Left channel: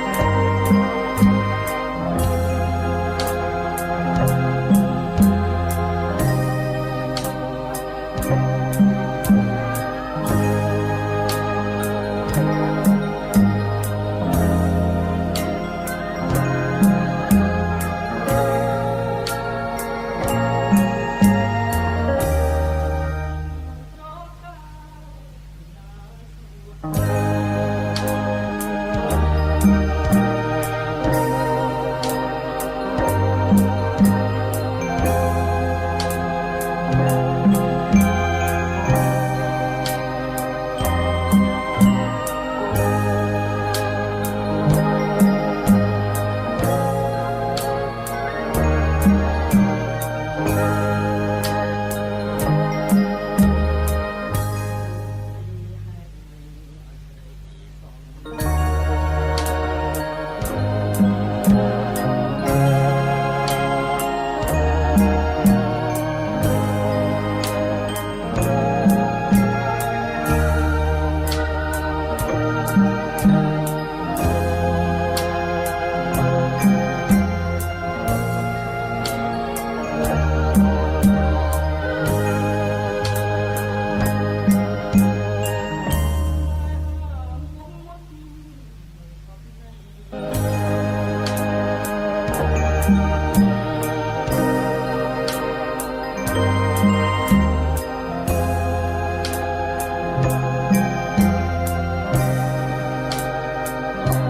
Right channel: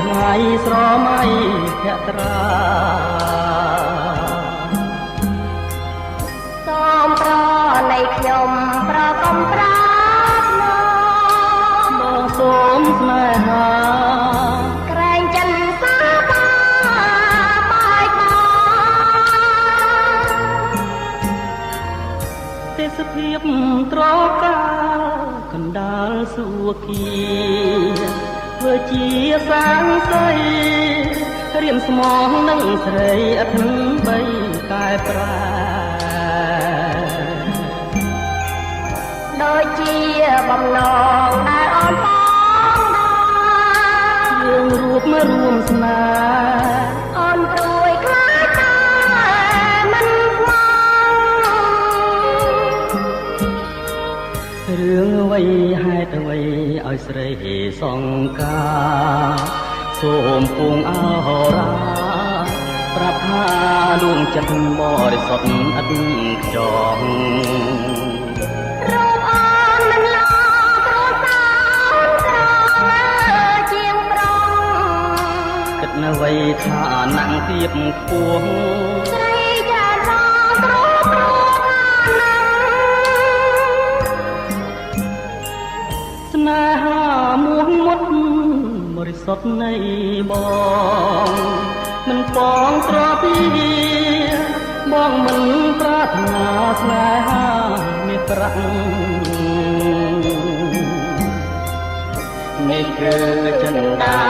ថ្ងៃស្រមៃភក្ត្រាសូមប្រណីខ្ញុំប្រកំប្រាសូមស្នេហាក្រែងចិនសាបាបាយបាទេសភាពត្រកាលកណ្ដាលសួគ៌ធ្វើជាសាងសីរៀមស្មងនឹងស្រីអត់នឹងបីតែប្រាដូចជាបំណងដែលអូនបងយើងរូបមករួមស្នេហ៍អូនព្រួយខ្លាចតែមិនខ្មងរឿងអ្វីហេតុអ្វីឲ្យស្រីសង្ការសូមពងអរ៉ាប្រាប់ថាដួងចិត្តបរិសុទ្ធអត់ខ្យល់រកអូនមិនឡងគ្រួសារក្រជាងប្រងគិតនៅអ្វីថាណាំងទៀបខ្ពស់ស្រីចារោទ្រព្រស្នេហាមួងមុតបរិសុទ្ធនៃបងមិនបងត្រពីបងមិនប្រាថ្នាស្នេហាមេត្រានេះគឺចិន្តា